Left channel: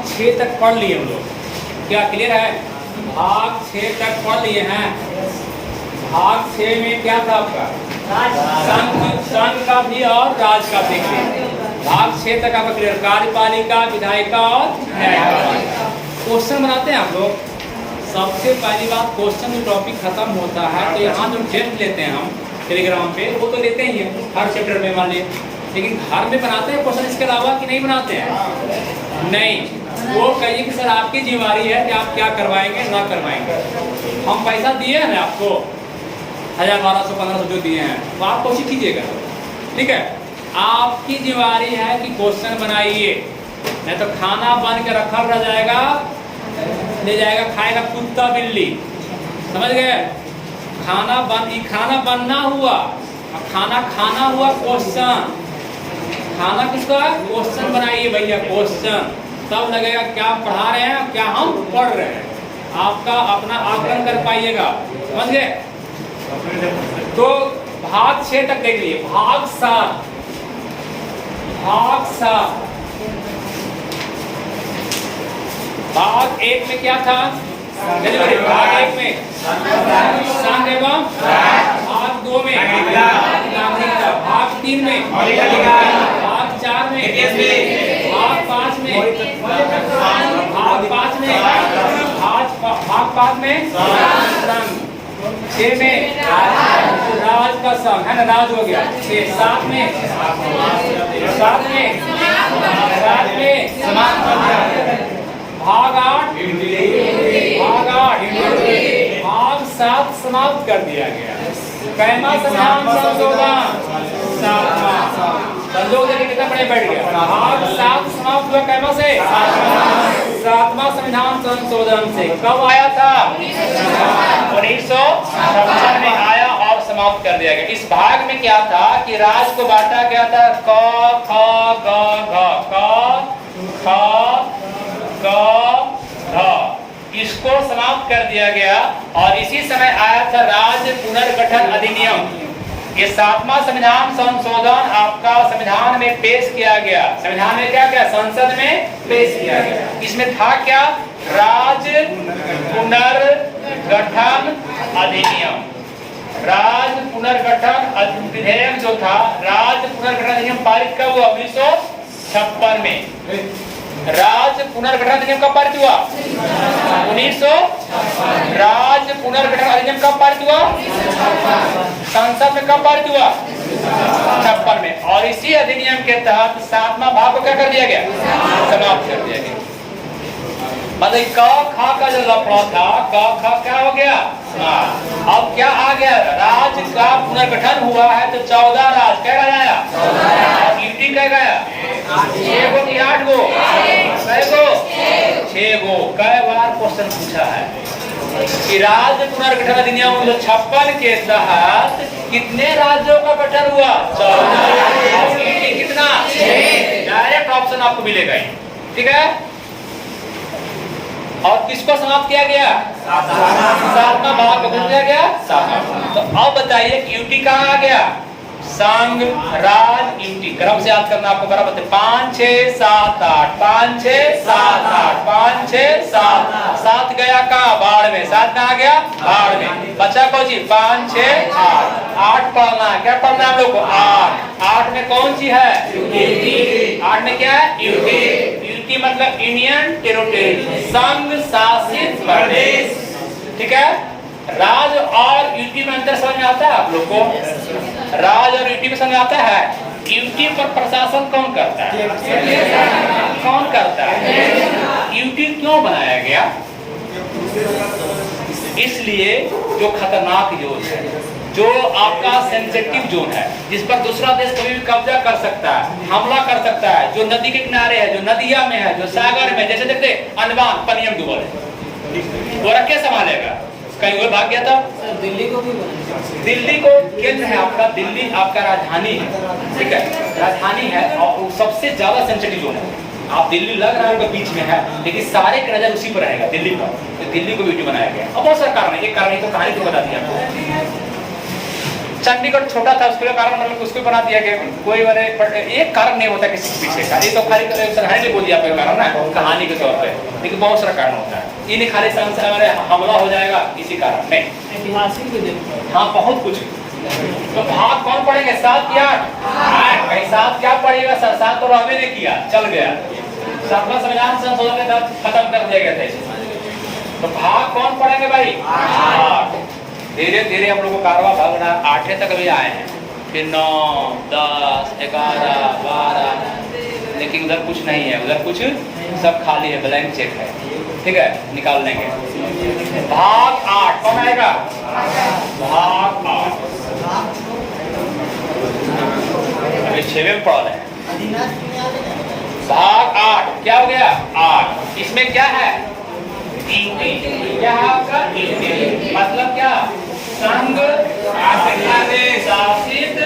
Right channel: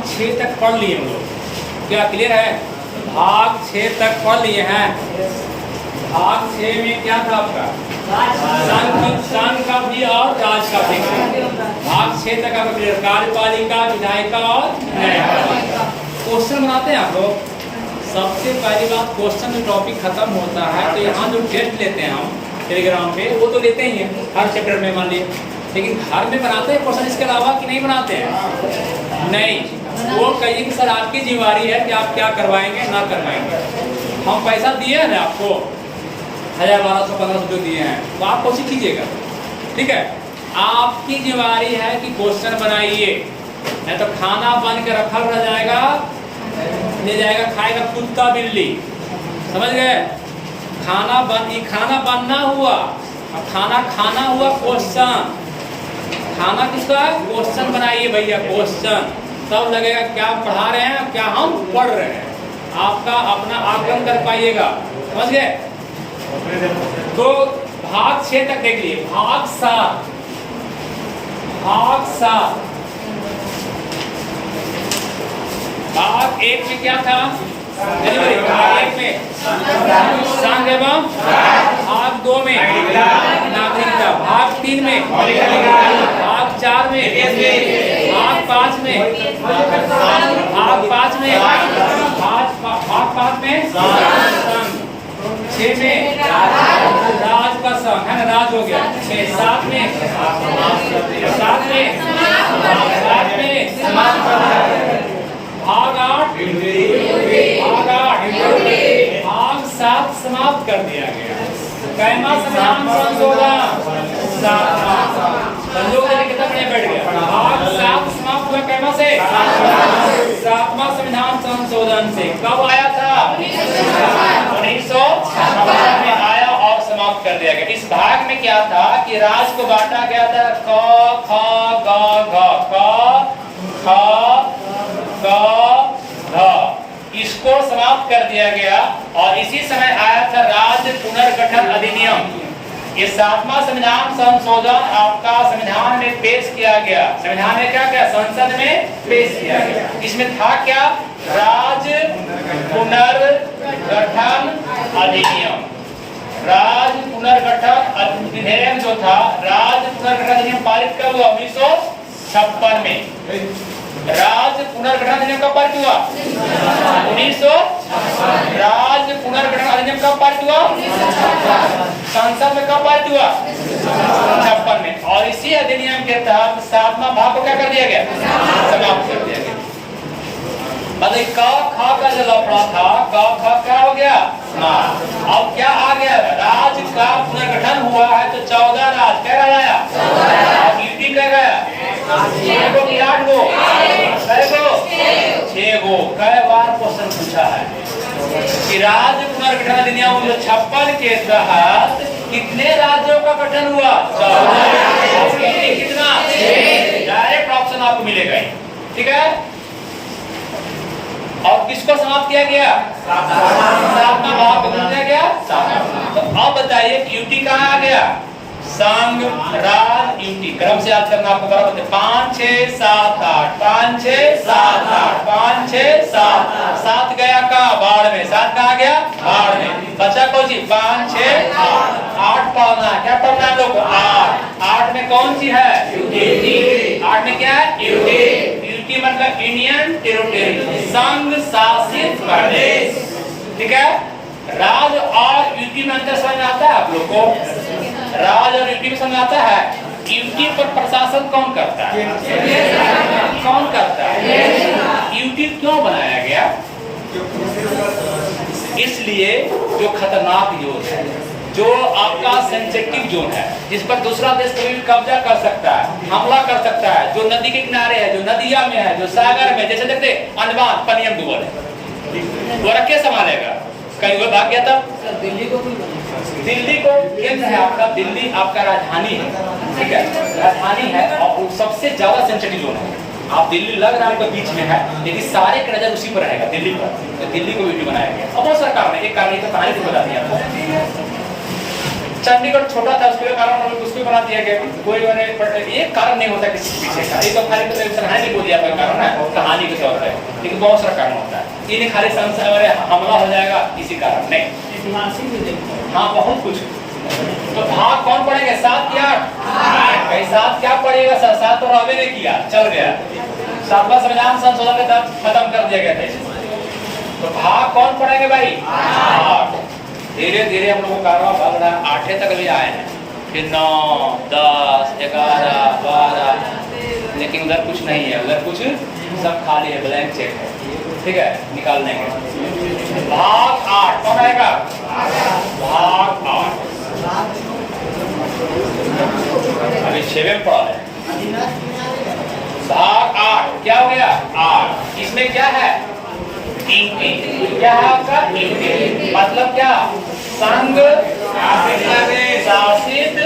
भाग 6 तक पढ़ लिए हम लोग, क्या क्लियर है? भाग 6 तक पढ़ लिए हैं। भाग 6 में क्या था आपका? संघ का भी और राज का भी। भाग 6 तक आपका क्लियर, कार्यपालिका, विधायिका और न्यायपालिका। क्वेश्चन बनाते हैं आप लोग। सबसे पहली बात, क्वेश्चन जो टॉपिक खत्म होता है तो यहाँ जो टेस्ट लेते हैं हम टेलीग्राम पे, वो तो लेते ही हैं हर चैप्टर में मान लिए, लेकिन घर में बनाते हैं क्वेश्चन इसके अलावा कि नहीं बनाते हैं? नहीं। वो कहिए कि सर आपकी जिम्मेदारी है कि आप क्या करवाएंगे ना करवाएंगे। हम पैसा दिए हैं ना आपको, 1000, 1200, 1500 जो दिए हैं, तो आप कोशिश कीजिएगा, ठीक है? आपकी जिम्मेदारी है कि क्वेश्चन बनाइए, नहीं तो खाना बन के रखा रह जाएगा, ले जाएगा खाएगा कुत्ता बिल्ली, समझ गए? खाना बनना हुआ, अब खाना हुआ क्वेश्चन। खाना किसका है? क्वेश्चन बनाइए भैया, क्वेश्चन, तब लगेगा क्या पढ़ा रहे हैं, क्या हम पढ़ रहे हैं। आपका अपना आकलन कर पाइएगा, समझ गए? तो भाग 6 तक देख लिए। भाग 7, भाग 1 में क्या था? भाग 1 में संघ एवं, भाग 2 में नागरिकता, भाग 3 में, भाग 4 में, भाग 5 में, भाग 5 में, भाग 5 में संघ, 6 में राज का संघ है ना, राज हो गया। 6, 7 में समाप्त कर दिया। भाग 8 भाग 7 समाप्त कर दिया गया। कैमा संविधान संशोधन, संजोग देने कितना पढ़े बैठ गया। भाग 7 समाप्त हुआ कैमा से? 7वां संविधान संशोधन से। कब आया था? 1956 में आया और समाप्त कर दिया गया। इस भाग में क्या था कि राज्य को बांटा गया था क ख ग घ, क ख ग घ, इसको समाप्त कर दिया गया। और इसी समय आया था राज्य पुनर्गठन अधिनियम। ये 7वां संविधान संशोधन आपका संविधान में पेश किया गया। संविधान में क्या किया? संसद में पेश किया गया। इसमें था क्या? राज्य पुनर्गठन अधिनियम। राज्य पुनर्गठन विधेयक जो था, राज्य पुनर्गठन अधिनियम पारित कब हुआ? 1956 में। राज्य पुनर्गठन अधिनियम कब पारित हुआ? 1900। राज्य पुनर्गठन अधिनियम कब पारित हुआ? संसद में कब पारित हुआ? 56 में। और इसी अधिनियम के तहत 7वां भाग को क्या कर दिया गया? समाप्त कर दिया गया। मतलब क ख का जो लफड़ा था, क ख क्या हो गया? अब क्या आ गया? राज्य का पुनर्गठन हुआ है तो 14 राज्य क्या गया? और यूटी क्या गया? 6 गो कि 8 गो? 6 गो। कई बार क्वेश्चन पूछा है कि राज्य पुनर्गठन अधिनियम 1956 के तहत कितने राज्यों का गठन हुआ? 14। कितना? डायरेक्ट ऑप्शन आपको मिलेगा, ठीक है? और किसको समाप्त किया गया? 7वां भाग को किया गया 7वां। तो अब बताइए यूटी कहाँ आ गया? संघ, राज, यूटी। क्रम से याद करना आपको बराबर है। 5 6 7 8, 5 6 7 8, 5 6 7 7 गया कहाँ? बाढ़ में। 7 कहाँ गया? बाढ़ में। बचा कौन सी? 5 6 8 8 पालना। क्या पालना हम लोग को? 8 में कौन सी है? यूटी। 8 में क्या है? यूटी। यूटी मतलब इंडियन टेरिटरी, संघ शासित प्रदेश, ठीक है? राज और यूटी में अंतर समझ में आता है आप लोग को? राज और यूटी में समझ आता है? यूटी पर प्रशासन कौन करता है? कौन करता है? यूटी क्यों बनाया गया? इसलिए जो खतरनाक जोन है, जो आपका सेंसिटिव जोन है, जिस पर दूसरा देश कभी भी कब्जा कर सकता है, हमला कर सकता है, जो नदी के किनारे है, जो नदिया में है, जो सागर में, जैसे देखते अंडमान पनियम डूबल है, वो रखे संभालेगा? कहीं वो भाग गया तब? दिल्ली को केंद्र है आपका, दिल्ली आपका राजधानी है, ठीक है? राजधानी है और वो सबसे ज्यादा सेंसिटिव जोन है। आप दिल्ली लग रहा है आपके बीच में है, लेकिन सारे का नजर उसी पर रहेगा, दिल्ली पर। तो दिल्ली को यूटी बनाया गया। अब बहुत सारे कारण है, एक कारण तो कहानी तो बता दी आपको। चंडीगढ़ छोटा था, उसके कारण हमने उसको बना दिया गया। कोई बड़े एक कारण नहीं होता किसी के पीछे का, ये तो खाली कहानी बोल दिया आपका कारण ना, कहानी के तौर पे, लेकिन बहुत सारा कारण होता है। ये खाली हमारे हमला हो जाएगा इसी कारण नहीं, ऐतिहासिक भी देखो। हाँ बहुत कुछ। तो भाग कौन पढ़ेंगे? 7 या 8? कहीं 7 क्या पढ़ेगा? 7 तो रहबे नहीं किया, चल गया। 7वां संविधान संशोधन के तहत खत्म कर दिया गया था। तो भाग कौन पढ़ेंगे भाई? 8। धीरे धीरे हम लोग को कारवा भाग रहा है, 8 तक अभी आए हैं, फिर 9, 10, 11, 12, लेकिन उधर कुछ नहीं है, उधर कुछ सब खाली है, ब्लैंक चेक है। ठीक है, निकाल लेंगे। भाग 8 कौन आएगा? भाग 8 अभी 6वें में पढ़ा है। भाग 8 क्या हो गया? 8। इसमें क्या है? क्या है आपका? मतलब क्या? संघ शासित,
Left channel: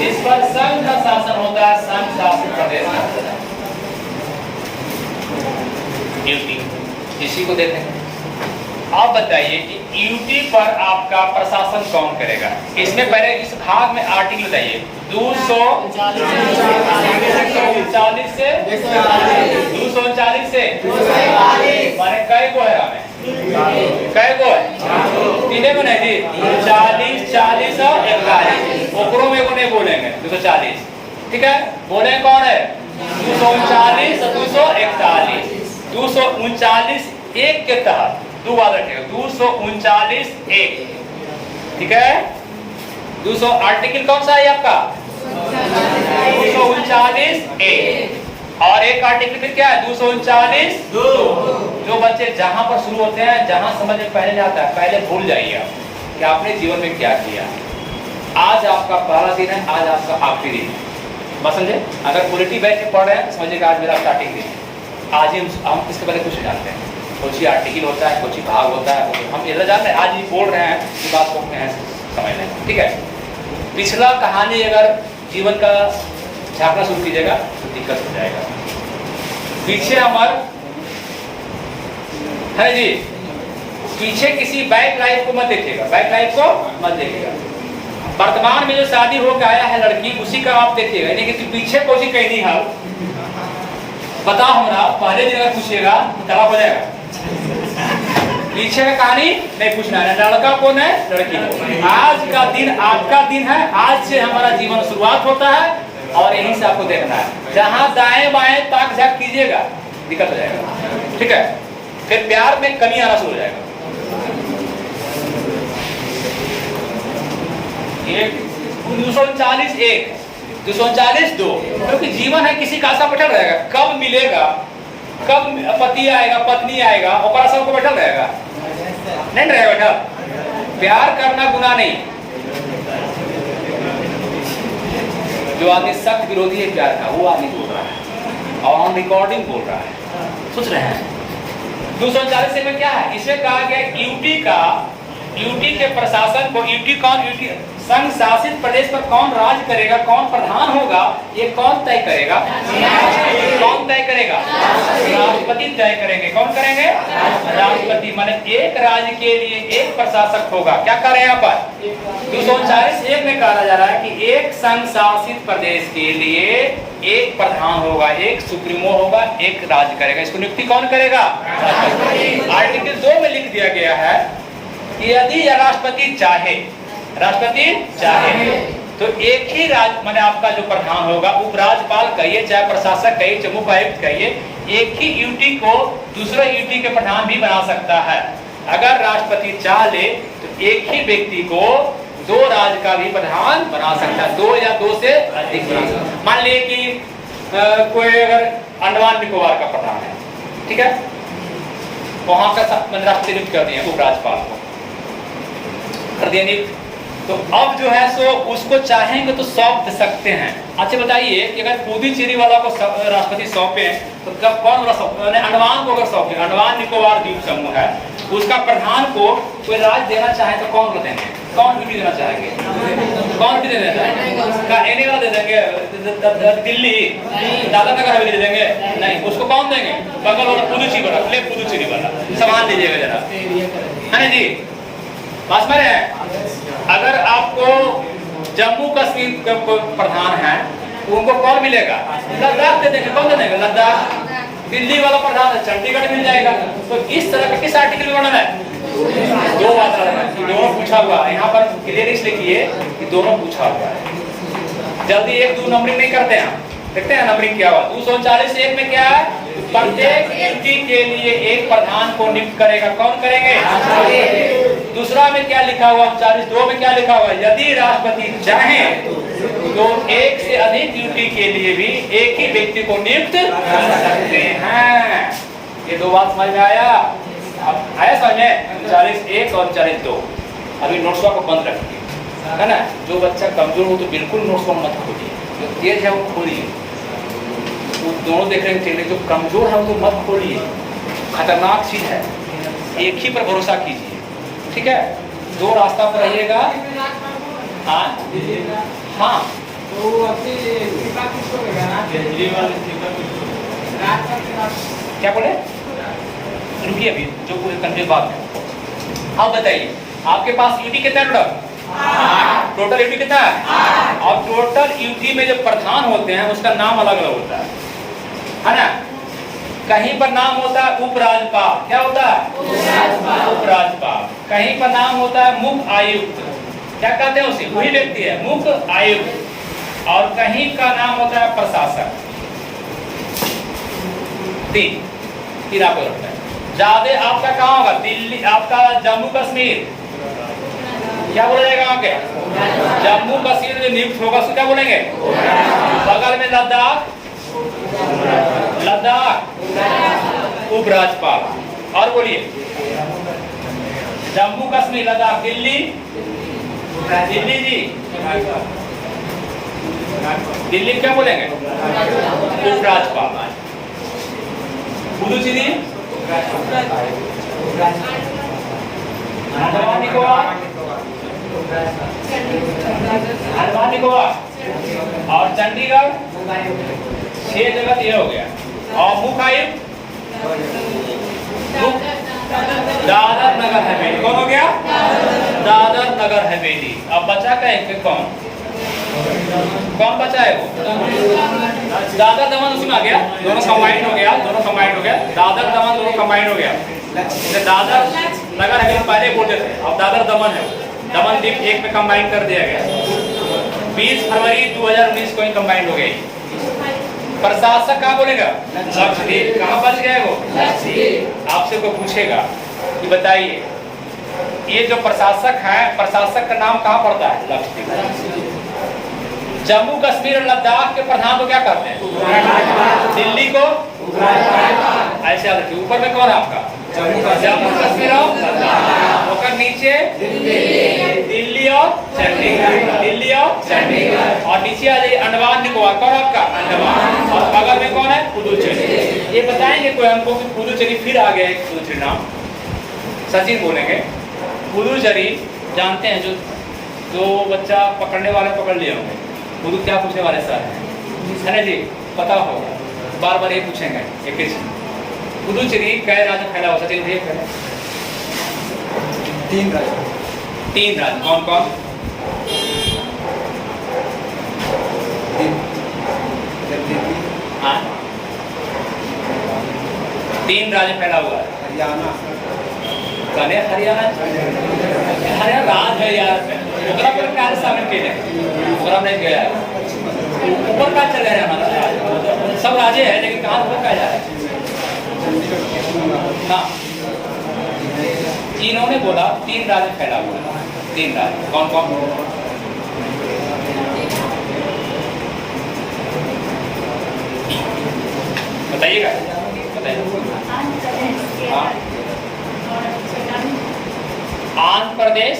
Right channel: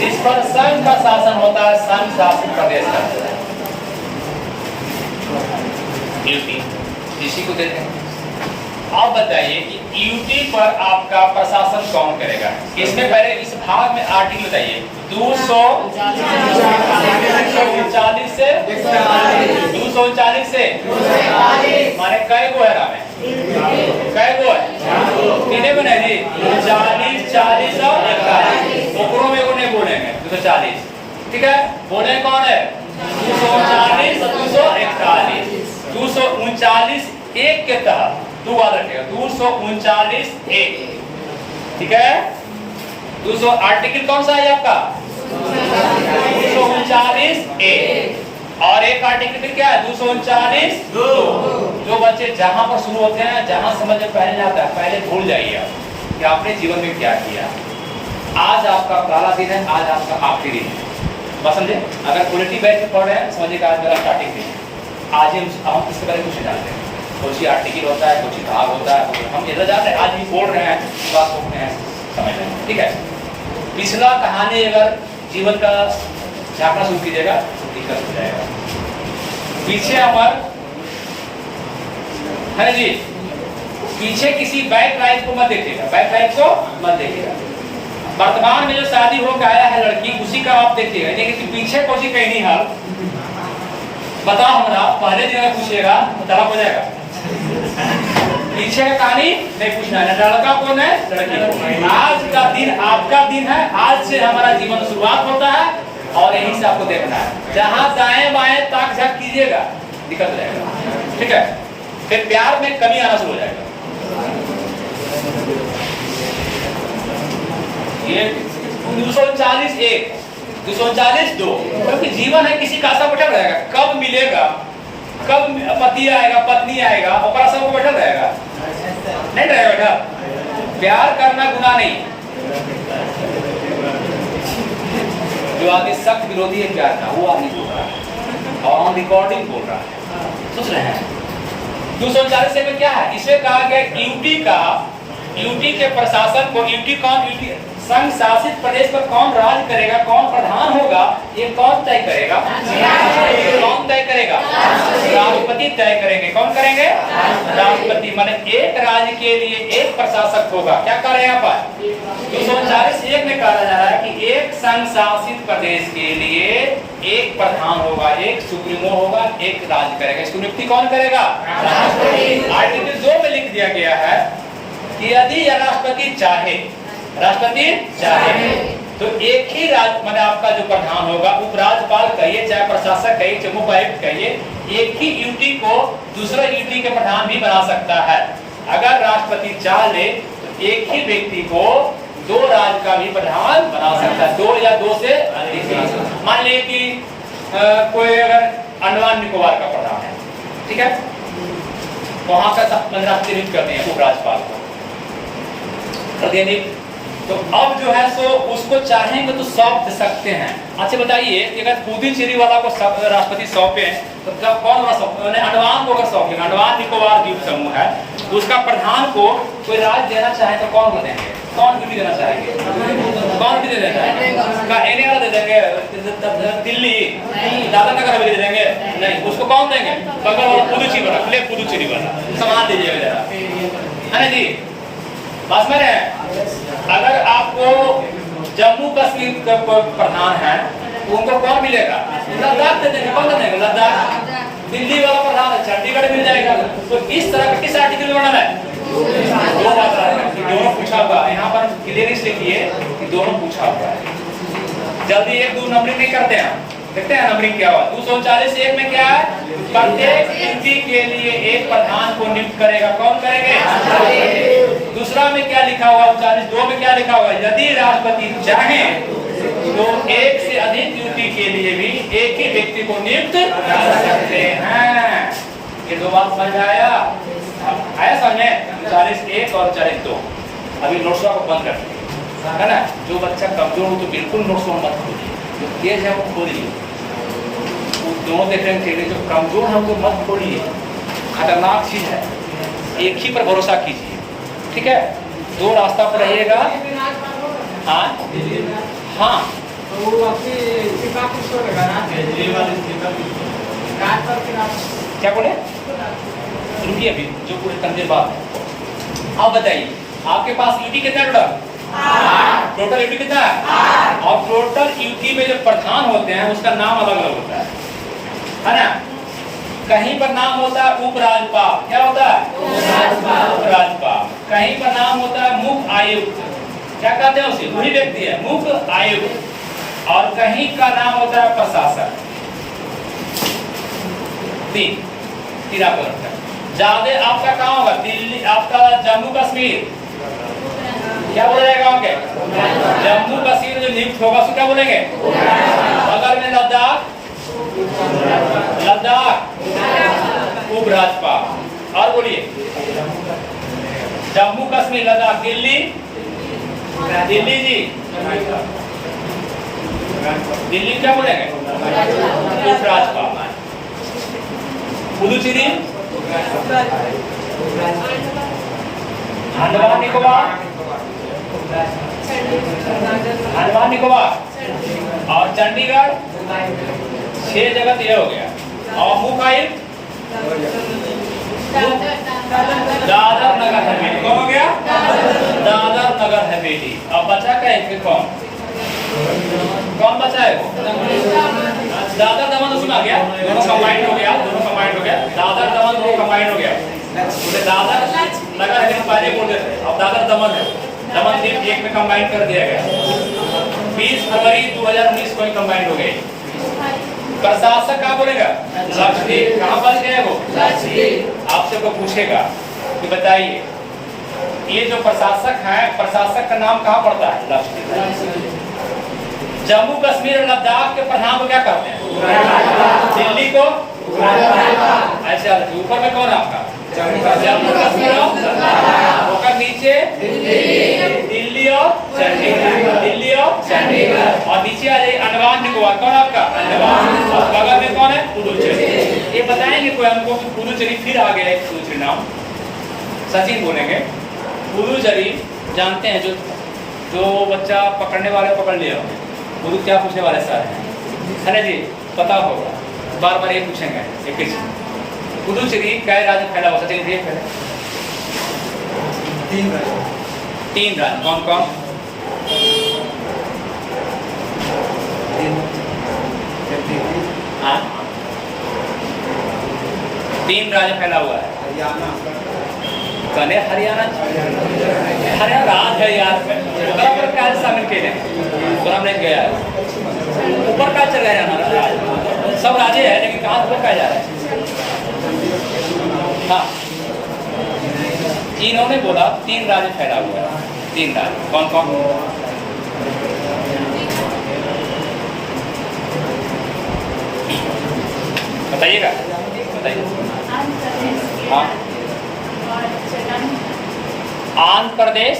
जिस पर संघ का शासन होता है, संघ शासित प्रदेश का यूटी। इसी को देते हैं। आप बताइए कि यूटी पर आपका प्रशासन कौन करेगा? इसमें पहले इस भाग में आर्टिकल बताइए। 239 से 239 से माने कै गो है रामे? कै गो है? 3 बने जी। 40, 40 और 41। ओकरों में को नहीं बोलेंगे 240। ठीक है, बोले कौन है? 239 और 241। 239 1 के तहत 2 वाला रखेगा। 239 1। ठीक है, 200 आर्टिकल कौन सा है आपका? 239 1। और एक आर्टिकल फिर क्या है? 239 2। जो बच्चे जहां पर शुरू होते हैं, जहां समझ में पहले जाता है, पहले भूल जाइए आप कि आपने जीवन में क्या किया। आज आपका पहला दिन है, आज आपका आखिरी दिन है। बस समझे? अगर पॉलिटी बैठ के पढ़ रहे हैं, समझिए कि आज मेरा स्टार्टिंग दिन है। आज हम इसके बारे में कुछ नहीं जानते हैं। कुछ आर्टिकल होता है, कुछ भाग होता है, तो हम इधर जाते हैं, आज ये बोल रहे हैं, ये बात को अपने समझ लेंगे। ठीक है, पिछला कहानी अगर जीवन का झांकना शुरू कीजिएगा तो दिक्कत हो जाएगा। पीछे अमर है जी, पीछे किसी बैक लाइफ को मत देखिएगा, बैक लाइफ को मत देखिएगा। वर्तमान में जो शादी होकर आया है लड़की, उसी का आप देखिएगा, यानी कि पीछे कोई कहीं नहीं हाल बताओ हमारा। पहले दिन अगर पूछिएगा तो तलाक हो जाएगा। पीछे का कहानी नहीं पूछना है, लड़का कौन है, लड़की है। आज का दिन आपका दिन है, आज से हमारा जीवन शुरुआत होता है और यहीं से आपको देखना है। जहां दाएं बाएं ताक झाक कीजिएगा दिक्कत हो जाएगा। ठीक है, फिर प्यार में कमी आना शुरू हो जाएगा। ये 239 1, 239 2, क्योंकि जीवन है, किसी का आशा बैठा रहेगा, कब मिलेगा, कब पति आएगा, पत्नी आएगा, और सबको बैठा रहेगा, नहीं रहेगा बेटा। प्यार करना गुनाह नहीं। जो आदमी सख्त विरोधी है प्यार का, वो आदमी बोल रहा है और ऑन रिकॉर्डिंग बोल रहा है। सोच रहे हैं 239 में क्या है? इसमें कहा गया यूटी के प्रशासन को, यूटी कौन, यूटी संघ शासित प्रदेश में कौन राज करेगा, कौन प्रधान होगा, ये कौन तय करेगा? कौन तय करेगा? राष्ट्रपति तय करेंगे। कौन करेंगे? राष्ट्रपति। माने एक राज्य के लिए एक प्रशासक होगा। क्या कर रहे हैं यहाँ पर? 239 1 में कहा जा रहा है कि एक संघ शासित प्रदेश के लिए एक प्रधान होगा, एक सुप्रीमो होगा, एक राज्य करेगा। इसको नियुक्ति कौन करेगा? राष्ट्रपति। आर्टिकल 2 में लिख दिया गया है कि यदि राष्ट्रपति चाहे तो एक ही राज्य माने आपका जो प्रधान होगा, उपराज्यपाल कहिए, चाहे प्रशासक कहिए, चाहे उपायुक्त कहिए, एक ही यूटी को दूसरे यूटी के प्रधान भी बना सकता है। अगर राष्ट्रपति चाह ले तो एक ही व्यक्ति को 2 राज्य का भी प्रधान बना सकता है, 2 या 2 से अधिक। मान लीजिए कि कोई अगर अंडमान निकोबार का प्रधान है, ठीक है, वहां का राष्ट्रपति नियुक्त कर दिया उपराज्यपाल को प्रतिनिधि, तो अब जो है सो उसको चाहेंगे तो सौंप सकते हैं। अच्छा बताइए कि अगर पुदुचेरी वाला को राष्ट्रपति सौंपे तो कब कौन वाला सौंपे? अंडमान को अगर सौंपे, अंडमान निकोबार द्वीप समूह है, उसका प्रधान को कोई राज्य देना चाहे तो कौन को देंगे? कौन ड्यूटी देना चाहेंगे? कौन ड्यूटी देना चाहेंगे? का एने वाला दे देंगे? दिल्ली दादा नगर हवेली दे देंगे? नहीं, उसको कौन देंगे? बगल वाला पुदुचेरी वाला, ले पुदुचेरी वाला सामान दीजिएगा जरा, है जी, पास में रहे। अगर आपको जम्मू कश्मीर का प्रधान है उनको कौन मिलेगा? लद्दाख दे देंगे, कौन दे देंगे? लद्दाख। दिल्ली वाला प्रधान है चंडीगढ़ मिल जाएगा। तो इस तरह का किस आर्टिकल में वर्णन है? दो बात है कि दोनों पूछा हुआ है। यहाँ पर क्लियर इसलिए किए कि दोनों पूछा हुआ है। जल्दी एक दो नंबरिंग नहीं करते हैं, देखते हैं नंबरिंग क्या हुआ। 240 एक में क्या है? प्रत्येक ड्यूटी के लिए एक प्रधान को नियुक्त करेगा। कौन करेंगे? दूसरा में क्या लिखा हुआ? 42 में क्या लिखा हुआ? यदि राष्ट्रपति चाहे तो एक से अधिक ड्यूटी के लिए भी एक ही व्यक्ति को नियुक्त कर सकते हैं। ये दो बात समझ में आया? अब आया समझ में? 41 और 42 अभी नोट्स को बंद रखिए, है ना। जो बच्चा कमजोर हो तो बिल्कुल नोट्स को मत खोलिए, जो तेज है वो खोलिए। वो दोनों देख रहे हैं, जो कमजोर है वो मत खोलिए, खतरनाक चीज है। एक ही पर भरोसा कीजिए, ठीक है। दो रास्ता पर रहिएगा। हाँ हाँ क्या बोले? रुकिए अभी, जो पूरे कंप्लीट बात है। आप बताइए, आपके पास यूटी कितना टोटल यूटी कितना है? और टोटल यूटी में जो प्रधान होते हैं उसका नाम अलग अलग होता है ना। कहीं पर नाम होता है उपराज्यपाल। क्या होता है? उपराज्यपाल। कहीं पर नाम होता है मुख्य आयुक्त। क्या कहते हैं उसे? वही व्यक्ति है मुख्य आयुक्त। और कहीं का नाम होता है प्रशासक। तीन आपको रखना है। ज्यादा आपका कहाँ होगा? दिल्ली, आपका जम्मू कश्मीर। क्या बोला जाएगा आपके? जम्मू कश्मीर जो नियुक्त होगा उसको क्या बोलेंगे? बगल में लद्दाख, उपराज्यपाल। और बोलिए, जम्मू कश्मीर, लद्दाख, दिल्ली जी, दिल्ली क्या बोलेंगे? उपराज्यपाल। पुडुचेरी, अंडमान निकोबार और चंडीगढ़। 6 जगह ये हो गया। और मुख्य आयुक्त दादर नगर हवेली। कौन हो गया? दादर नगर हवेली। अब बचा कहेंगे कौन बचा है? वो दादर दमन सुना गया, दोनों कंबाइंड हो गया। दादर दमन दोनों कंबाइंड हो गया। दादर नगर हवेली पहले बोलते थे, अब दादर दमन है। दमन द्वीप एक में कंबाइंड कर दिया गया। 20 फरवरी 2019 को ही कंबाइंड हो गई। प्रशासक कहाँ बोलेगा? लक्षद्वीप। कहाँ बच गया वो? लक्षद्वीप। आपसे कोई पूछेगा कि बताइए ये जो प्रशासक है, प्रशासक का नाम कहाँ पड़ता है? लक्षद्वीप। जम्मू कश्मीर और लद्दाख के प्रधान को क्या करते हैं? दिल्ली को ऐसा। ऊपर में कौन है आपका? जम्मू कश्मीर और लद्दाख। नीचे दिल्ली और चंडीगढ़। और नीचे आ जाइए अंडमान निकोबार। कौन आपका? अंडमान। और बगल में कौन है? पुडुचेरी। ये बताएंगे कोई हमको कि पुडुचेरी फिर आ गए? पुडुचेरी नाम सचिन बोलेंगे। पुडुचेरी जानते हैं, जो बच्चा पकड़ने वाले पकड़ लिए होंगे। पुडु क्या पूछने वाले सर है ना जी? पता होगा, बार बार ये पूछेंगे एक ही चीज। पुडुचेरी कई राज्य फैला हुआ? सचिन उठिए पहले। 3 राज्य। कौन कौन? हाँ, 3 राज्य फैला हुआ है। कने हरियाणा राज है यार। ओकरा पर क्या शामिल के ओकरा नहीं गया। ऊपर का चल गया राज, सब राज्य है लेकिन कहाँ ऊपर का जा रहा है? हाँ, इन्होंने बोला 3 राज्य फैला हुआ है। 3 राज्य कौन कौन? बताइएगा, बताइए। हाँ, आंध्र प्रदेश,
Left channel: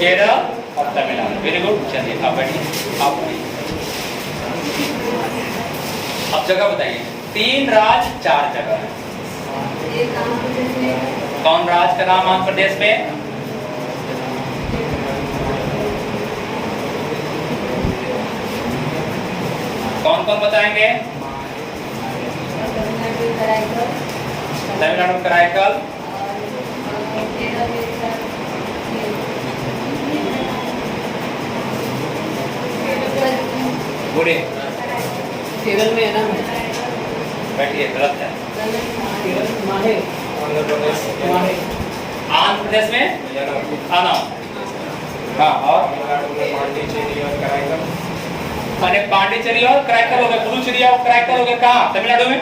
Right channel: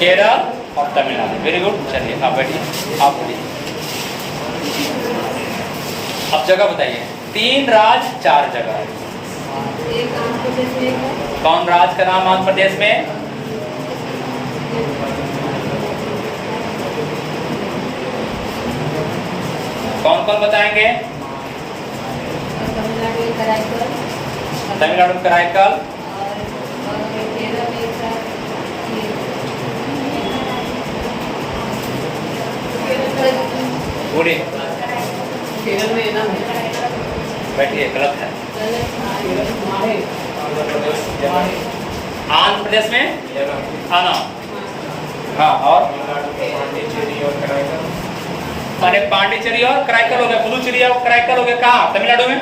केरल और तमिलनाडु। Very good. चलिए आप बैठिए, आप बैठिए। अब जगह बताइए। 3 राज्य 4 जगह। कौन राज्य का नाम आंध्र प्रदेश में? कौन कौन बताएंगे? तमिलनाडु कराईकल, बोलिए। केरल में है ना, बैठिए, गलत है। आंध्र प्रदेश में आना। हाँ, और मैंने पांडिचेरी और कराईकल हो गया, पुदुचेरी और कराईकल हो गया। कहाँ? तमिलनाडु में।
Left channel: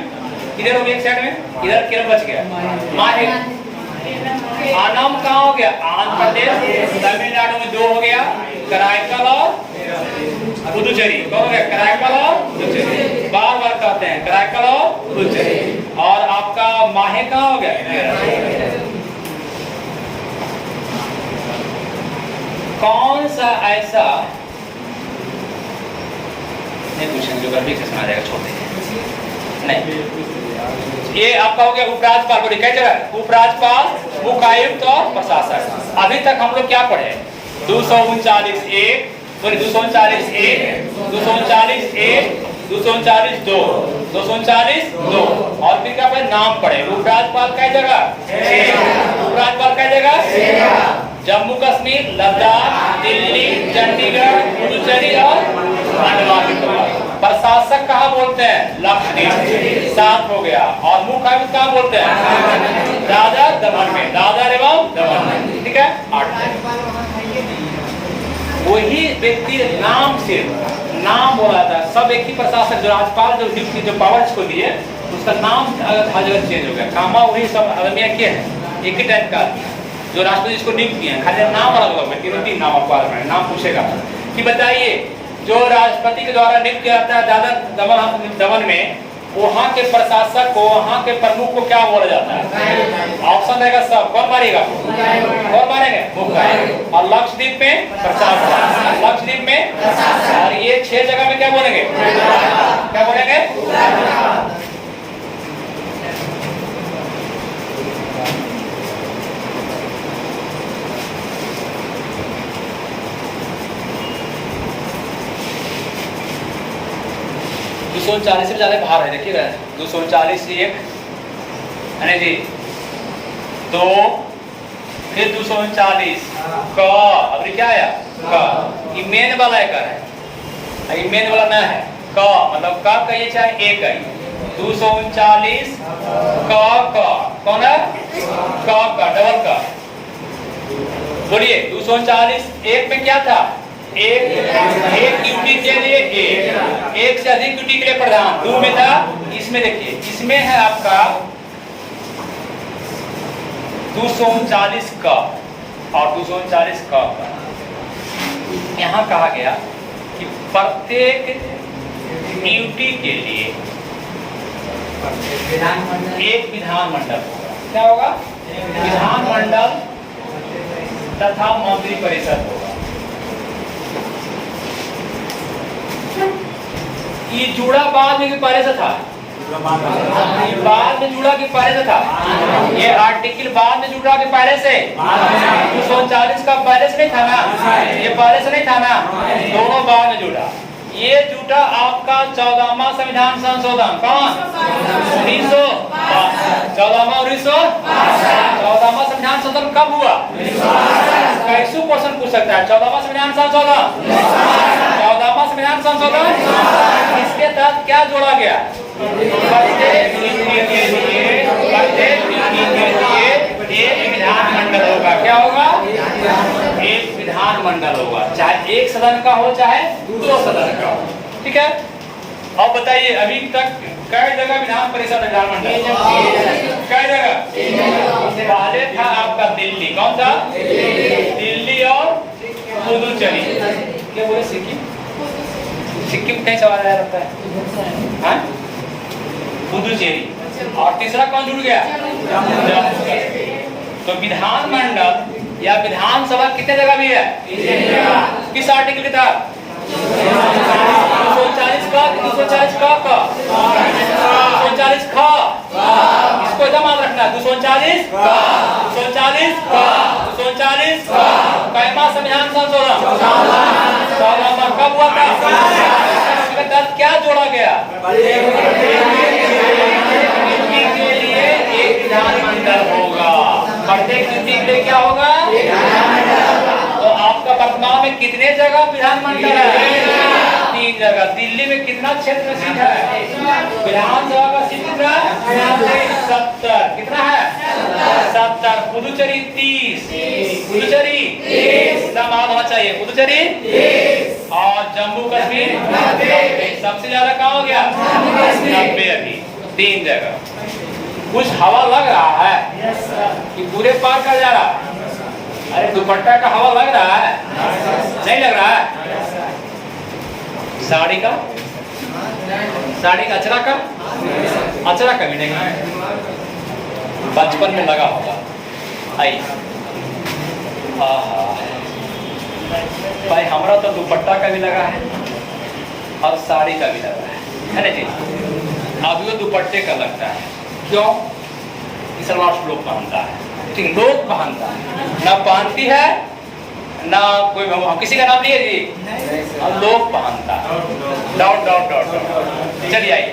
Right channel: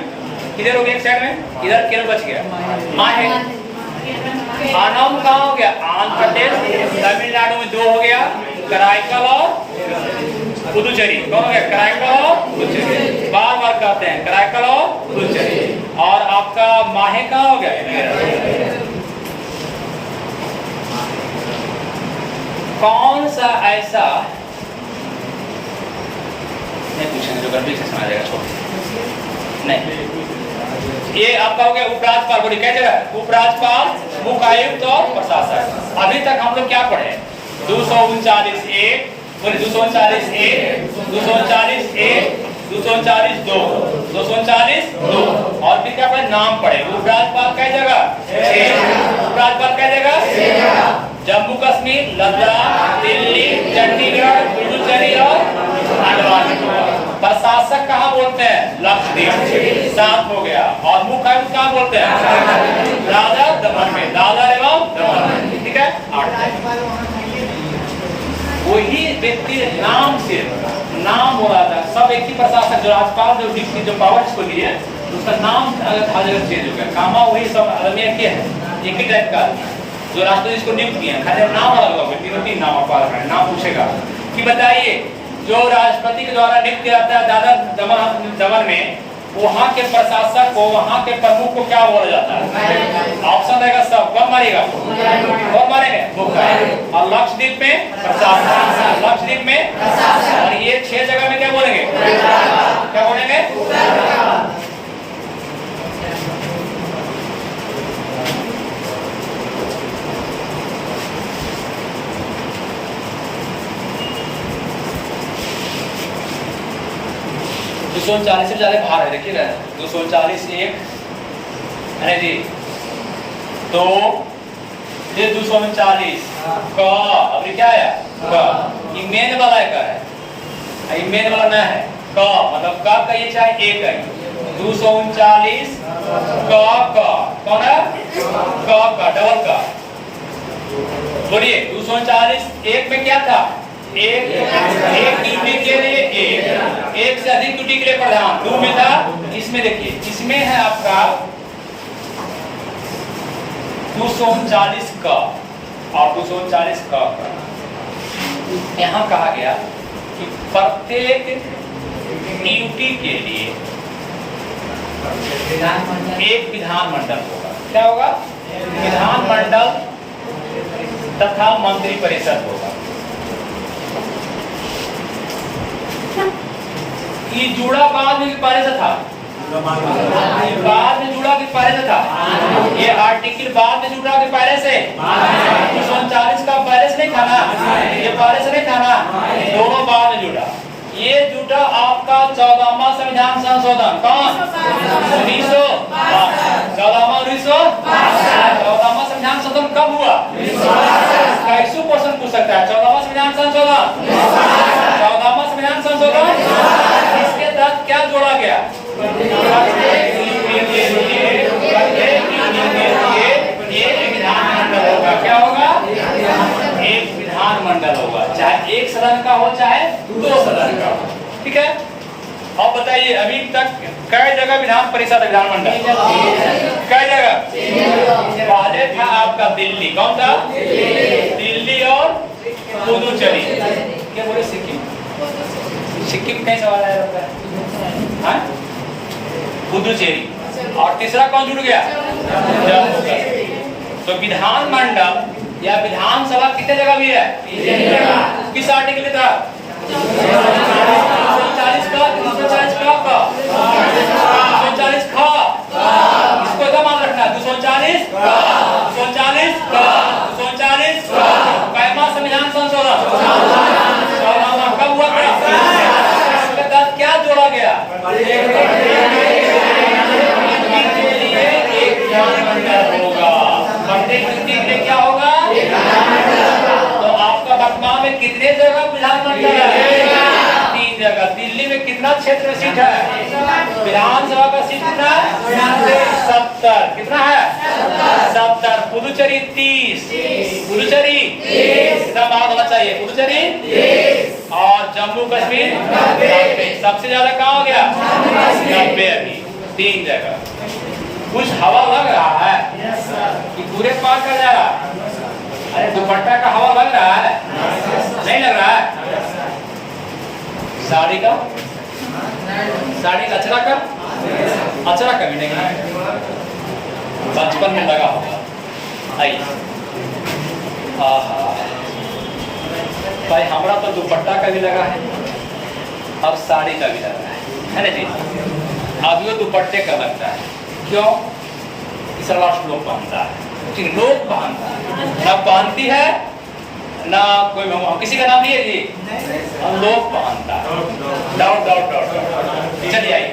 इधर हो गया एक साइड में, इधर केरल बच गया। माहे आनम कहाँ हो गया? आंध्र प्रदेश। तमिलनाडु में 2 हो गया, कराईकल और पुदुचेरी। कौन हो गया? कराईकल और पुदुचेरी। बार बार कहते हैं कराईकल और पुदुचेरी। और आपका माहे कहाँ हो गया? केरल। कौन सा ऐसा नहीं पूछेंगे, ज्योग्राफी से सुना जाएगा, छोटे नहीं। ये आपका हो गया उपराज्यपाल। बोलिए क्या जगह? उपराज्यपाल, मुख्यायुक्त और प्रशासक। अभी तक हम लोग क्या पढ़े? 239(1), बोलिए 239(1), 239(1), 239(2), 239(2) और फिर क्या पढ़े? नाम पढ़े। उपराज्यपाल क्या जगह? उपराज्यपाल क्या जगह? जम्मू कश्मीर, लद्दाख, दिल्ली, चंडीगढ़, पुडुचेरी और अंडमान निकोबार। प्रशासक कहाँ बोलते हैं? लक्षद्वीप। 7 हो गया। और मुख्यायुक्त कहाँ बोलते हैं? दादर दमन में, दादर एवं दमन। ठीक है, 8। वही व्यक्ति नाम से नाम बोला था। सब एक ही प्रशासक, जो राज्यपाल जो डिप्टी जो पावर्स को दिए, उसका नाम हर जगह चेंज हो गया। कामा वही सब अलग एक ही टाइप का। जो राष्ट्रपति इसको नियुक्त किए, खाली नाम अलग अलग है। 3 नाम आपको नाम पूछेगा कि बताइए, जो राष्ट्रपति के द्वारा नियुक्त किया जाता है दादर दमन में, वहाँ के प्रशासक को, वहाँ के प्रमुख को क्या बोला जाता है? ऑप्शन रहेगा सब। कौन मारेगा? कौन मारेंगे? मुख्यायुक्त। और लक्षद्वीप में प्रशासक, लक्षद्वीप में। और ये 6 जगह में क्या बोलेंगे? क्या बोलेंगे? 239 से ज्यादा बाहर है, देखिएगा। 239(1) है जी, तो फिर 239 क। अभी क्या आया? क। ये मेन वाला है, का है, ये मेन वाला ना है। क मतलब क कहिए चाहे एक कहिए। 239 क। कौन है? क का डबल का। बोलिए 239(1) में क्या था? एक ड्यूटी के लिए एक से अधिक ड्यूटी के लिए प्रधान। 2 में था। इसमें देखिए, इसमें है आपका 239 का और 239 का। यहाँ कहा गया कि प्रत्येक ड्यूटी के लिए एक विधानमंडल होगा। क्या होगा? विधानमंडल तथा मंत्री परिषद होगा। ये जुड़ा बाद में पहले से था, बाद में जुड़ा कि पहले से था? ये आर्टिकल बाद में जुड़ा कि पहले से? 239 का पहले से नहीं था ना? ये पहले से नहीं था ना? दोनों बाद में जुड़ा। ये जुटा आपका 14वां संविधान संशोधन। कौन? 14वां संविधान संशोधन कब हुआ? 100% पूछ सकता है। 14वां संविधान संशोधन, 14वां संविधान संशोधन। इसके तहत क्या जोड़ा गया? एक विधानमंडल होगा। क्या होगा? एक विधानमंडल होगा, चाहे एक सदन का हो चाहे 2 सदन का हो। ठीक है। अब बताइए, अभी तक कई जगह विधान परिषद विधानमंडल? कई जगह? पहले था आपका दिल्ली। कौन था? दिल्ली और पुदुचेरी। क्या बोले? सिक्किम। सिक्किम कहीं सवाल आया रहता है? हाँ? पुदुचेरी। और तीसरा कौन जुड़ गया? जम्मू कश्मीर। तो विधानमंडल या विधानसभा कितने जगह भी है? किस आर्टिकल के तहत? 239 का, 240 का, 240 का। इसको एकदम याद रखना है। 239 का, 240 का, 239 का। कैमा संविधान संशोधन? 14वां। कब हुआ था? इसके तहत क्या जोड़ा गया? एक विधानमंडल होगा। प्रत्येक ड्यूटी के लिए क्या होगा? तो आपका वर्तमान में कितने जगह विधानमंडल है? 3 जगह। जाएगा। दिल्ली में कितना क्षेत्र सीट है? विधानसभा का सीट कितना है? 70। कितना है? 70। पुदुचेरी 30। पुदुचेरी कितना मार्क होना चाहिए? पुदुचेरी 30। और जम्मू कश्मीर 90। सबसे ज्यादा कहाँ हो गया? 90। अभी 3 जगह। कुछ हवा लग रहा है कि पूरे पार कर जा रहा है? अरे दुपट्टा का हवा लग रहा है? नहीं लग रहा है? साड़ी का? साड़ी का अचरा का? अचरा कभी नहीं है, बचपन में लगा होगा। आई आहा भाई, हमारा तो दुपट्टा का भी लगा है और साड़ी का भी लगा है ना जी। अब वो दुपट्टे का लगता है। क्यों? इस लोग पहनता है, ठीक, लोग पहनता है, ना पहनती है ना कोई, किसी का नाम नहीं है जी, हम लोग पहनता है। Dot dot dot dot. चलिए आइए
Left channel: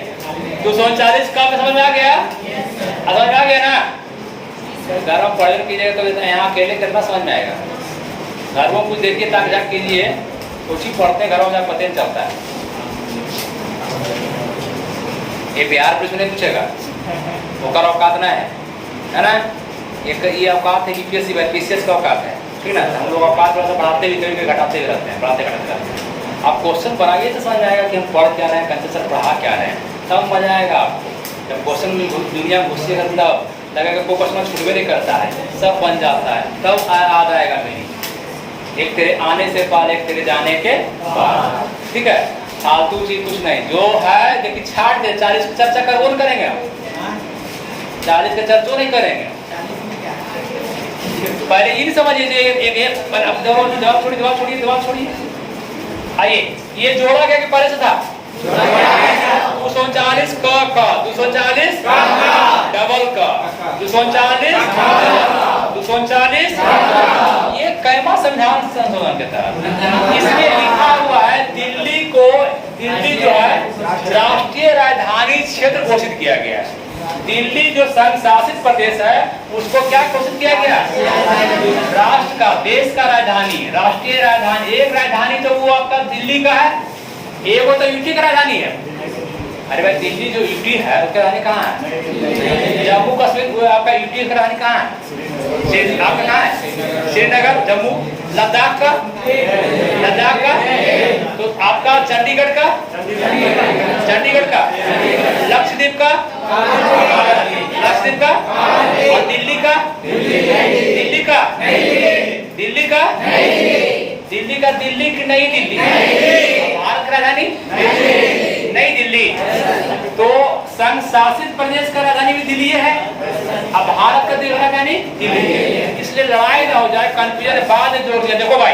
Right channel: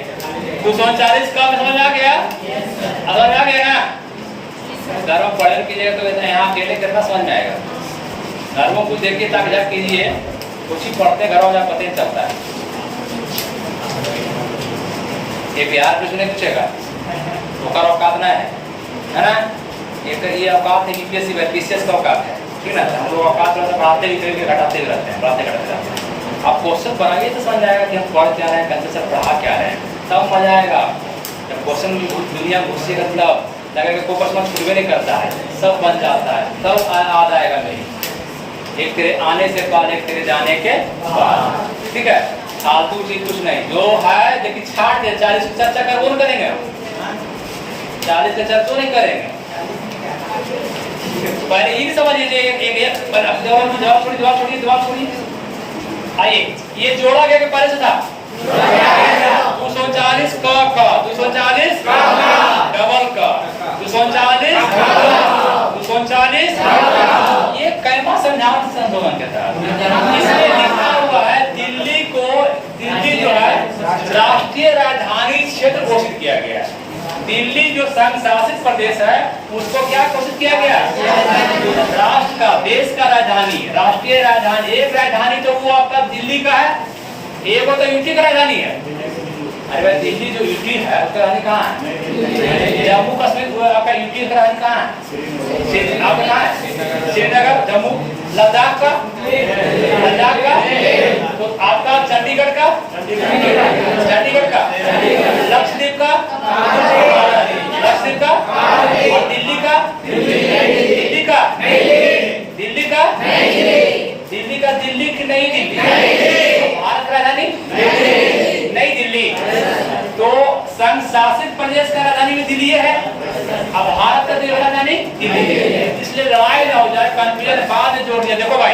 239 का समझ में आ गया? समझ में आ गया ना? घर में पढ़ाई कीजिएगा तो यहाँ अकेले कितना समझ में आएगा। घर में कुछ देखिए, ताक झाक कीजिए, कुछ ही पढ़ते घर में पता नहीं चलता है। ये बिहार पे सुने पूछेगा तो कर औकात ना है ना? एक ये औकात है यूपीएससी बीसीएस का औकात है, ठीक ना? हम लोग औकात बढ़ाते भी घटाते भी रहते हैं, बढ़ाते घटाते रहते हैं। आप क्वेश्चन बनाइए तो समझ आएगा कि हम पढ़ क्या रहे हैं, कैसे सर पढ़ा क्या रहे हैं, तब मजा आएगा आपको। जब क्वेश्चन में दुनिया में घुसेगा तब लगेगा कोई क्वेश्चन छूटवे नहीं करता है, सब बन जाता है, तब याद आएगा मेरी। एक तेरे आने से पहले, एक तेरे जाने के बाद, ठीक है? फालतू चीज कुछ नहीं, जो है देखिए छाट दे। 40 की चर्चा कर कौन करेंगे हम? 40 का चर्चा नहीं करेंगे। पहले ये समझ लीजिए, एक जवाब छोड़िए। आइए, ये जोड़ा गया कि पहले से था? 239 का 240 डबल का 239 ये कैमा संविधान संशोधन के तहत इसलिए लिखा हुआ है दिल्ली जो है राष्ट्रीय राजधानी क्षेत्र घोषित किया गया है। दिल्ली जो संघ शासित प्रदेश है उसको क्या घोषित किया गया? राष्ट्र का, देश का राजधानी, राष्ट्रीय राजधानी। एक राजधानी तो वो आपका दिल्ली का है, एक वो तो यूटी का राजधानी है। अरे भाई, दिल्ली जो यूटी है उसका राजधानी कहाँ है? जम्मू कश्मीर वो आपका यूटी का राजधानी कहाँ है? आपका कहाँ है? श्रीनगर, जम्मू, लद्दाख का तो आपका चंडीगढ़ का, लक्षद्वीप का और दिल्ली का दिल्ली की नई दिल्ली। भारत का राजधानी नई दिल्ली। तो संघ शासित प्रदेश का राजधानी भी दिल्ली है, अब भारत का राजधानी दिल्ली है। इसलिए लड़ाई ना हो जाए, कंफ्यूजन बाद में जोड़ दिया। देखो भाई,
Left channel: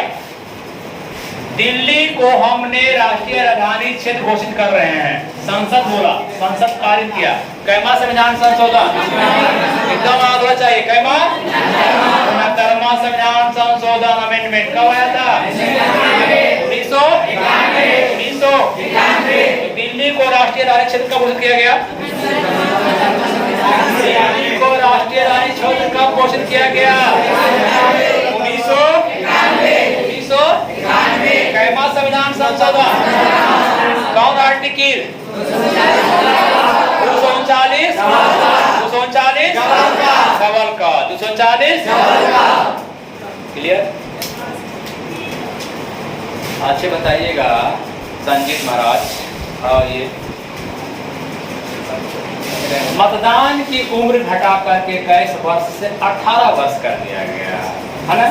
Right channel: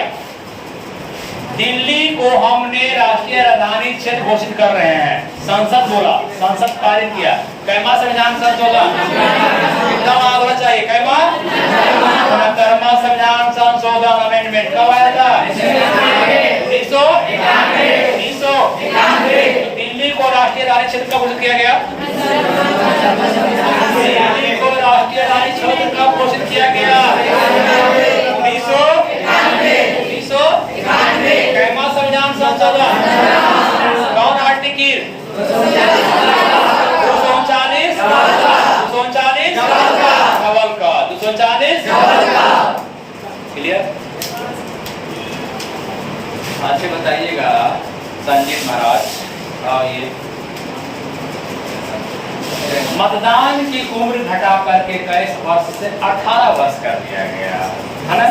दिल्ली को हमने राष्ट्रीय राजधानी क्षेत्र घोषित कर रहे हैं। संसद बोला, संसद पारित किया। कैमा संविधान संशोधन एकदम आगे चाहिए। कैमा संविधान संशोधन अमेंडमेंट कब आया था? 1991। दिल्ली को राष्ट्रीय राजधानी क्षेत्र कब घोषित किया गया? दिल्ली को राष्ट्रीय राजधानी क्षेत्र कब घोषित किया गया? 1991। कैमा संविधान संशोधन कौन आर्टिकल? 239 डबल का 239। क्लियर? अच्छे बताइएगा संजीत महाराज। और ये मतदान की उम्र घटा करके 21 वर्ष से 18 वर्ष कर दिया गया है ना?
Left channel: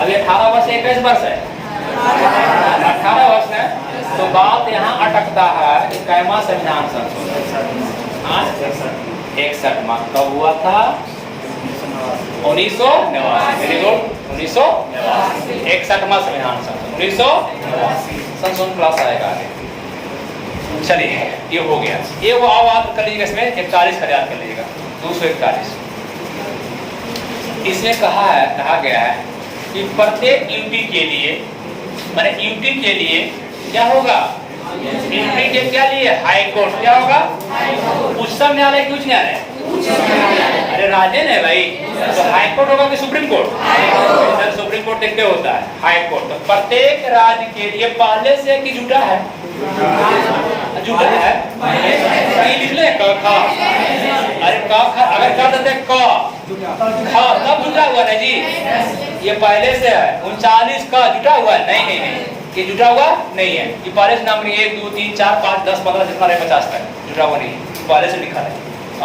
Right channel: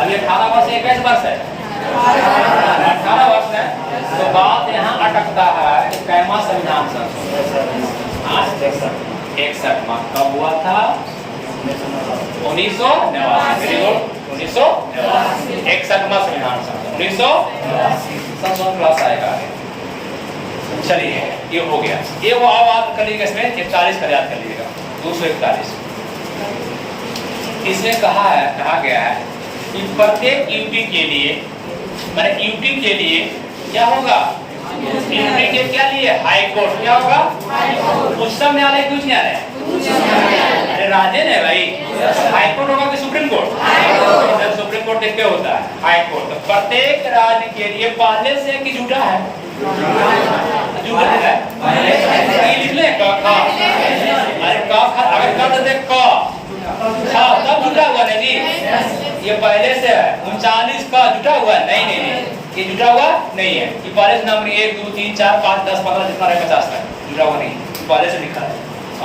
अभी 18 वर्ष 21 वर्ष है, 18 वर्ष है। तो बात यहाँ अटकता है कि कैमा संविधान संशोधन 61 में कब हुआ था? 1989। 61 में संविधान संशोधन 1989 संशोधन क्लास आएगा। चलिए, ये हो गया। ये वो आवाज कर लीजिएगा, इसमें 41 का याद कर लीजिएगा। 241 इसमें कहा गया है कि प्रत्येक यूटी के लिए, माने यूटी के लिए क्या होगा? यूटी के क्या लिए? High court. क्या होगा? उच्चतम न्यायालय की उच्च न्यायालय। अरे राज्य ने भाई, तो हाई कोर्ट होगा कि सुप्रीम कोर्ट? सुप्रीम कोर्ट देखते होता है हाई कोर्ट। तो प्रत्येक राज्य के लिए पहले से एक जुटा है जुटा है लिख ले क ख। अरे क ख अगर कर देते क ख तब जुटा हुआ ना जी। ये पहले से है 39 का जुटा हुआ है। नहीं नहीं नहीं ये जुटा हुआ नहीं है। ये पहले से नाम 1 2 3 4 5 10 15 जितना रहे 50 तक जुटा हुआ नहीं, पहले से लिखा है।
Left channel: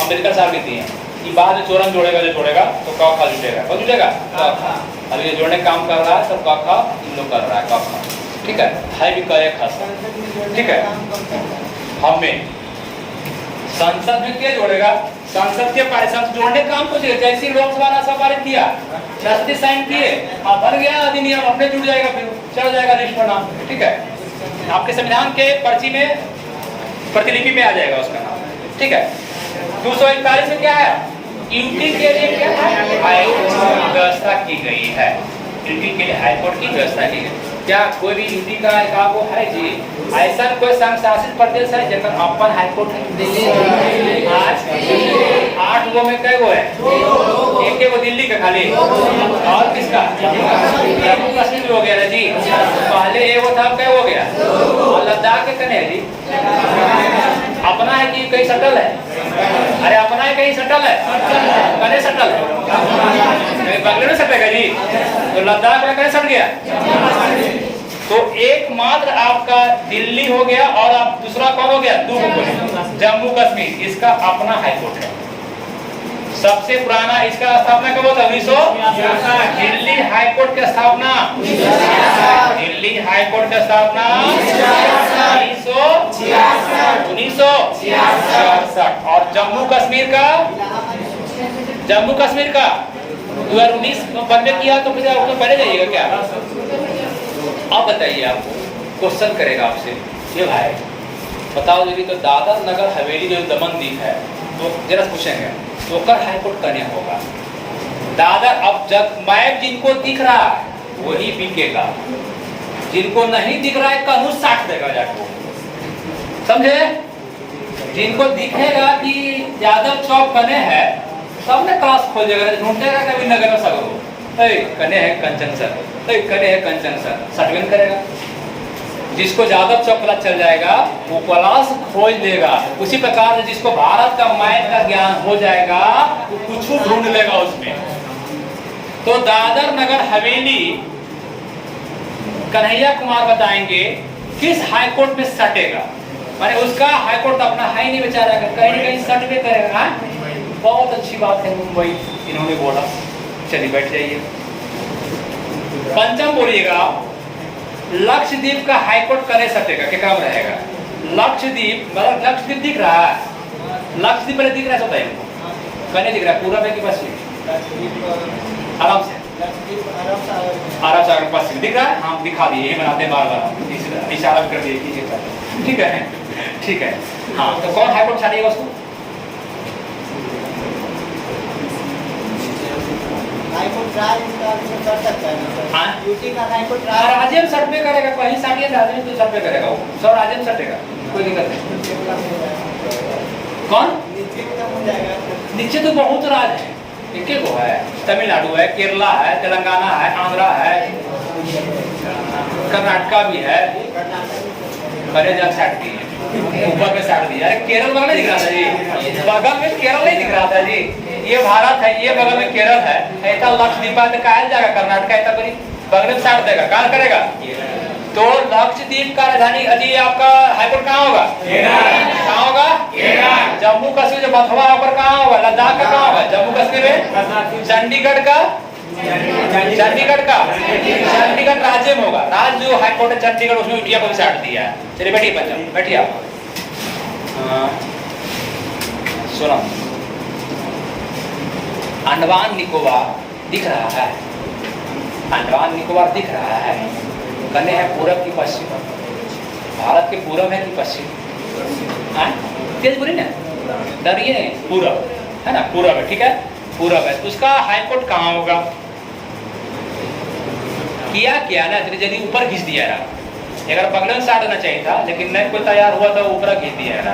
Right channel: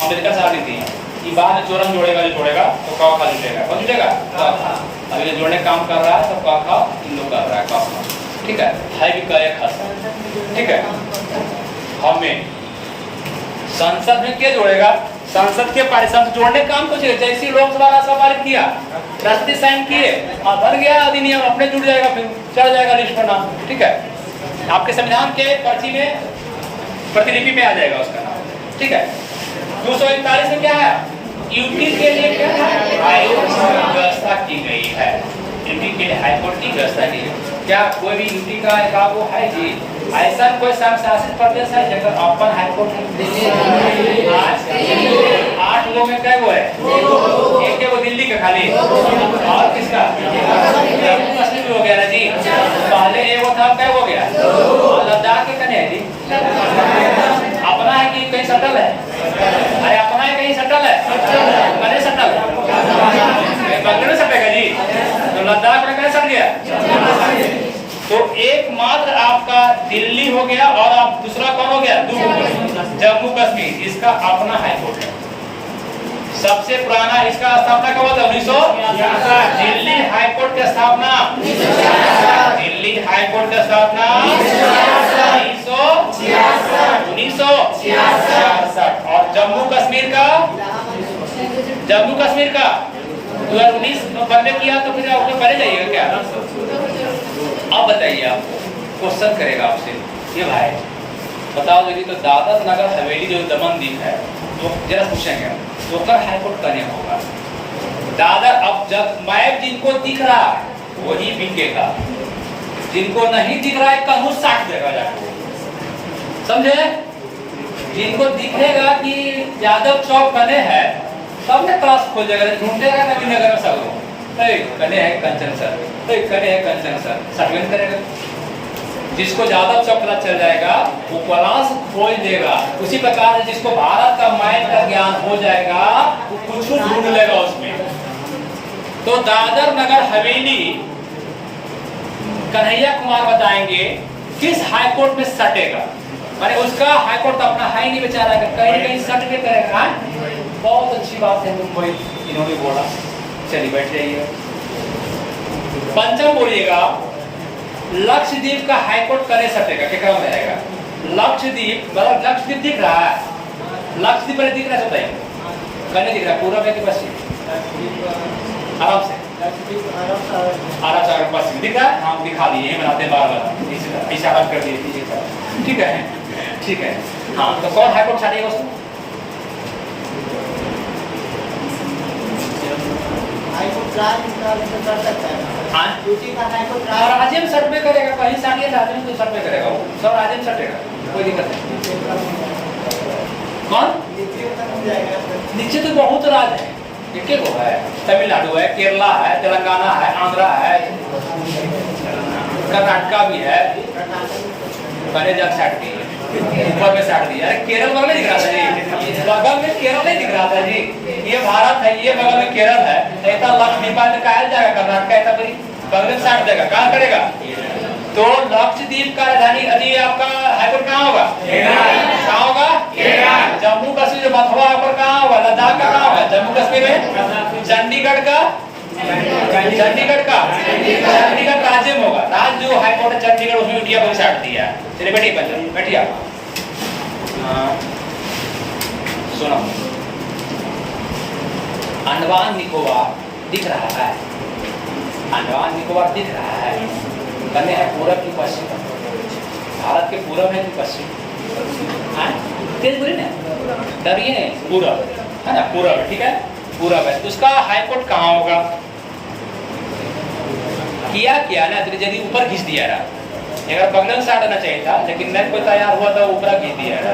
अम्बेडकर साहब लिखते हैं कि बाद में चोरम जोड़ेगा जो जोड़ेगा तो क ख जुटेगा। वो जुटेगा अभी ये जोड़ने काम कर रहा है तो क ख इन लोग कर रहा है क ख। ठीक है भी क एक खास ठीक है। हमें संसद में क्या जोड़ेगा? संसद के पारित जोड़ने काम कुछ है। जैसे लोकसभा राज्यसभा पारित किया, राष्ट्रपति साइन किए और बन गया अधिनियम, अपने जुड़ जाएगा, फिर चढ़ जाएगा लिस्ट पर नाम। ठीक है आपके संविधान के पर्ची में प्रतिलिपि में आ जाएगा उसका। ठीक है 241 में क्या है? यूटी के लिए क्या है? हाईकोर्ट की व्यवस्था की गई है। यूटी के लिए हाईकोर्ट की व्यवस्था की है। क्या कोई भी यूटी का वो है जी? ऐसा कोई शासित प्रदेश है जगह अपन हाईकोर्ट है? 8 गो में क्या गो है? एक वो दिल्ली का खाली और किसका? जम्मू कश्मीर हो गया ना जी। पहले एक वो था क्या हो गया? और लद्दाख के कने है जी। अपना है कि कहीं सटल है? अरे अपना है कहीं सटल है? कने सटल है? बंगले में सटेगा जी। तो लद्दाख में कहीं सट गया? तो एकमात्र आपका दिल्ली हो गया और आप दूसरा कौन हो गया? जम्मू कश्मीर। इसका अपना हाईकोर्ट है। सबसे पुराना इसका स्थापना कब होता है? 1900। दिल्ली हाईकोर्ट की स्थापना दिल्ली हाईकोर्ट की स्थापना 1966। और जम्मू कश्मीर का 2019 बनने किया। तो फिर आपको पढ़े जाइएगा क्या? अब बताइए आपको क्वेश्चन करेगा आपसे ये भाई बताओ यदि तो दादर नगर हवेली जो दमन द्वीप है तो जरा पूछेंगे तो कर हाईकोर्ट करने होगा। दादर अब जब मैप जिनको दिख रहा है वही बिकेगा, जिनको नहीं दिख रहा है कहूँ 60 देगा जाको। समझे? जिनको दिखेगा कि यादव चौक बने है सबने क्लास खोजेगा, ढूंढेगा कभी नगर में सगरो कने है कंचन सर, कने है कंचन सर, सर्टिफिकेट करेगा। जिसको यादव चौक पता चल जाएगा वो क्लास खोज देगा। उसी प्रकार से जिसको भारत का मैप का ज्ञान हो जाएगा वो कुछ ढूंढ लेगा उसमें। तो दादर नगर हवेली कन्हैया कुमार बताएंगे किस हाईकोर्ट में सटेगा। माने उसका हाईकोर्ट अपना है ही नहीं बेचारा, कहीं ना कहीं सट में करेगा। बहुत अच्छी बात है मुंबई इन्होंने बोला। चलिए बैठ जाइए। पंचम बोलिएगा लक्षद्वीप का हाईकोर्ट कने सटेगा? क्या काम रहेगा? लक्षद्वीप मतलब लक्षद्वीप दिख रहा है? लक्षद्वीप पहले दिख रहा है बताइए हमको। कने दिख रहा है? पूरब है कि पश्चिम? आराम से आराम से अगर पश्चिम दिख रहा है हम दिखा दिए, ये बनाते हैं बार बार इशारा कर दिए। ठीक है ठीक है। हाँ तो कौन हाईकोर्ट छाड़ेगा उसको? राज्य में सर्वे करेगा, कहीं साटिए राज्य में तो सर्वे करेगा वो सब राज्य में सटेगा, कोई दिक्कत नहीं। कौन नीचे तो बहुत राज्य है, एक वो है तमिलनाडु है, केरला है, तेलंगाना है, आंध्रा है, कर्नाटका भी है। करे जा साट दी ऊपर में साट दिया। अरे केरल बगल में दिख रहा था जी, बगल में केरल नहीं दिख रहा था जी। ये भारत है, ये बगल में केरल है। ऐसा लक्षद्वीप में कहा जाएगा कर्नाटका ऐसा कोई बगल में साट देगा, कहाँ करेगा? तो लक्षद्वीप का राजधानी अभी आपका हाईकोर्ट कहाँ होगा? कहाँ होगा? जम्मू कश्मीर बंधवा पर कहाँ होगा? लद्दाख का कहाँ होगा? जम्मू कश्मीर में चंडीगढ़ का चंडीगढ़ राज्य में होगा। राज्य जो हाईकोर्ट है चंडीगढ़ उसमें इंडिया को साट दिया है। चलिए बैठिए बच्चा बैठिए आप। सुनो अंडमान निकोबार दिख रहा है? अंडमान निकोबार दिख रहा है? बने है पूरब की पश्चिम? भारत के पूरब है कि पश्चिम? तेज बोली ना, डरिए नहीं, पूरब है ना, पूरब है। ठीक है पूरब है। उसका हाईकोर्ट कहाँ होगा? किया ना तो यदि ऊपर खींच दिया रहा, अगर बगल में साड़ना चाहिए था लेकिन नहीं कोई तैयार हुआ तो ऊपर खींच दिया रहा।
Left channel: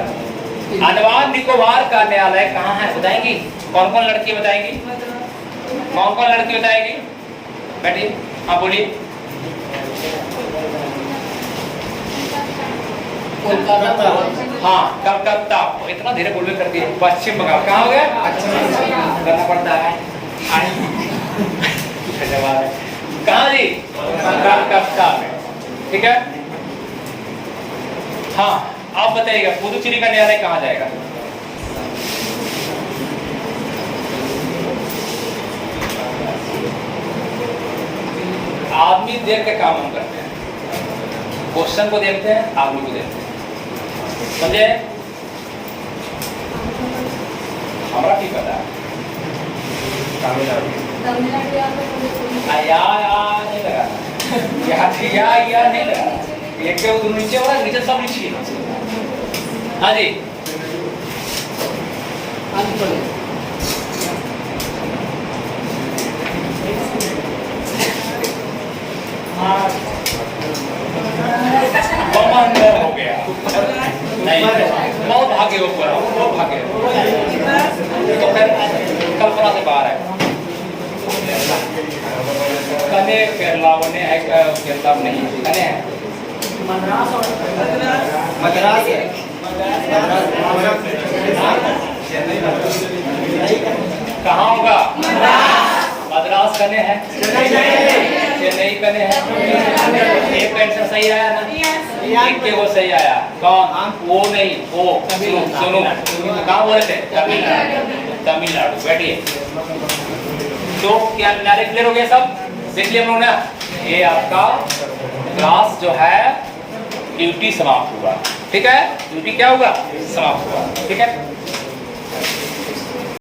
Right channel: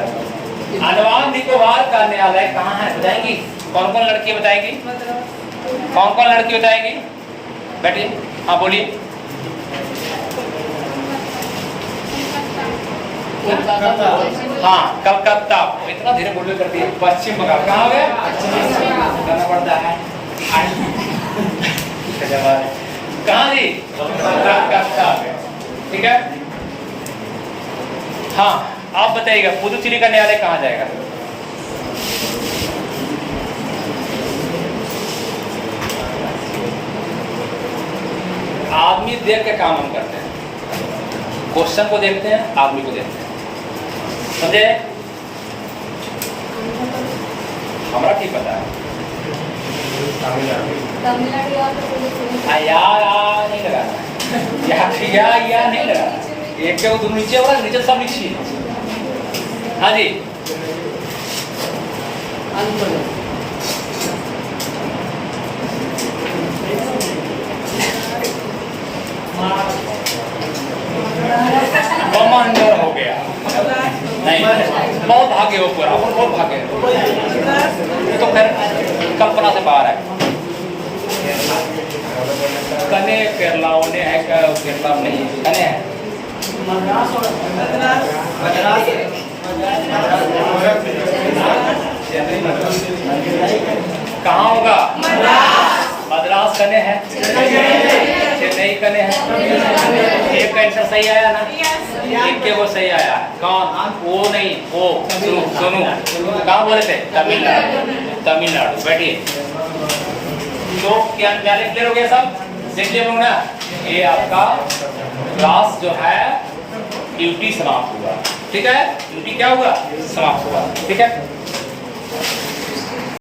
अंडमान निकोबार का न्यायालय कहाँ है बताएंगी? कौन कौन लड़की बताएगी? कौन कौन लड़की बताएगी? बैठिए हाँ बोलिए। हाँ कलकत्ता, इतना धीरे बोलने करके पश्चिम बंगाल कहाँ हो गया? करना पड़ता है कहाँ जी? कलकत्ता में। ठीक है, हाँ आप बताइएगा पुदुचेरी का न्यायालय कहाँ जाएगा? आदमी देख के काम हम करते हैं, क्वेश्चन को देखते हैं, आदमी को देखते हैं, समझे? हमारा ठीक पता है या नहीं लगाना, या नहीं लगाना, एक के वो नीचे वाला नीचे सब नीचे। हाँ जी कमांडर हो गया नहीं, बहुत भागे वो पूरा, बहुत भागे तो फिर कल्पना से बाहर है। कने केरला ने है, केरला में नहीं कने है, कहाँ होगा? मद्रास कने है, चेन्नई कने है। एक का आंसर सही आया ना, एक के वो सही आया। कौन? वो नहीं, वो सुनो कहाँ बोले थे? तमिलनाडु, तमिलनाडु। बैठिए, तो क्या न्यायालय क्लियर हो गया सब? देख लिया होगा, ये आपका क्लास जो है ड्यूटी समाप्त हुआ। ठीक है, ड्यूटी क्या हुआ? समाप्त हुआ। ठीक है।